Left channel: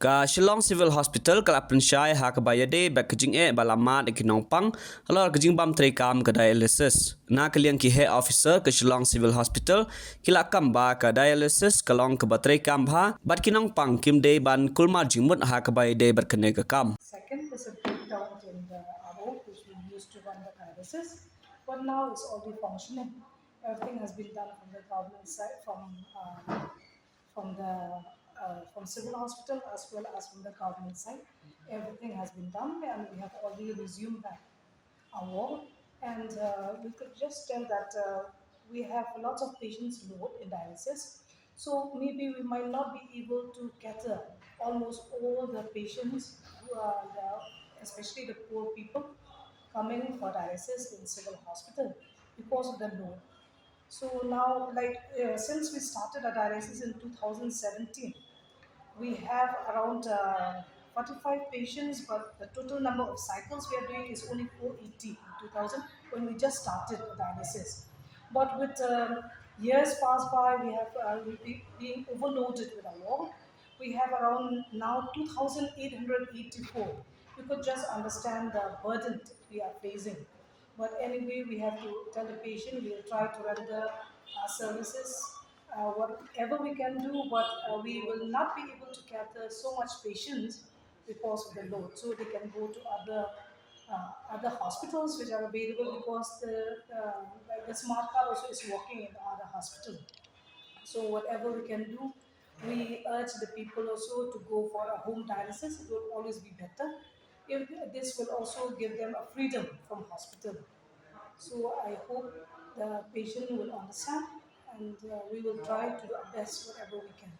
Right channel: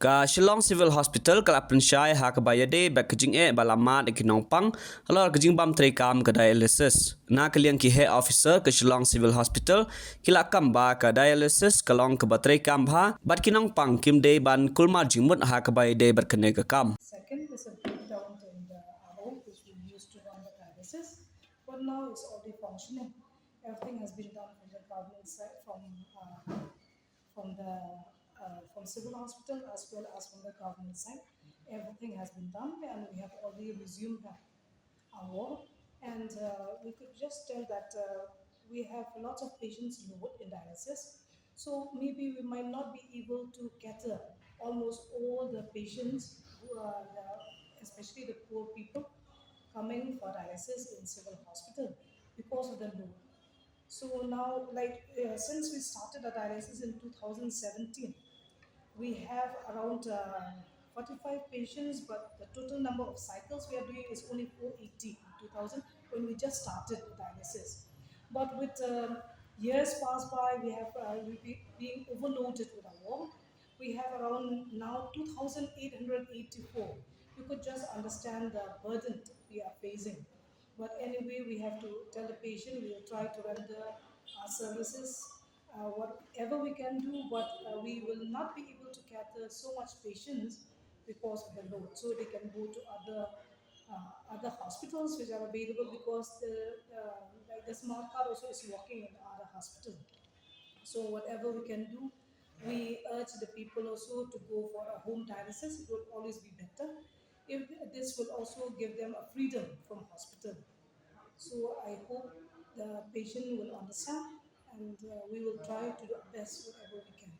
Ka Shillong Civil Hospital kala Pynshai ha ka bayade ba kajing balama de kinong pang halor kajing bam Treikam ka Dialysis na kaliang ki he officer ka Shillong Civil Hospital kila kamba ka Dialysis kalong ka ba Treikam ha bat kinong pang kim de ban kulma jingmut ha ka bayade berkene ka kam. Second is a breakdown in the RO, which we used to run the dialysis, but now it's already functioning. Everything has been done from the government side, from civil hospital as well as from the government side. Everything has been done, and we have already resumed back our work. And we could just tell that we have a lot of patients load in dialysis. So maybe we might not be able to cater almost all the patients who are, especially the poor people, coming for dialysis in civil hospital because of the load. So now, since we started our dialysis in 2017, we have around 45 patients, but the total number of cycles we are doing is only 480 in 2000 when we just started dialysis. But with years pass by, we have being overloaded with our work. We have around now 2,884. You could just understand the burden we are facing. But anyway, we have to tell the patient we will try to render our services whatever we can do, but we will not be able to gather so much patients because of the load. So they can go to other hospitals which are available because the smart card also is working in the other hospital. So whatever we can do, we urge the people also to go for a home dialysis. It will always be better. If this will also give them a freedom from hospital. So I hope the patient will understand, and we will try to do our best whatever we can.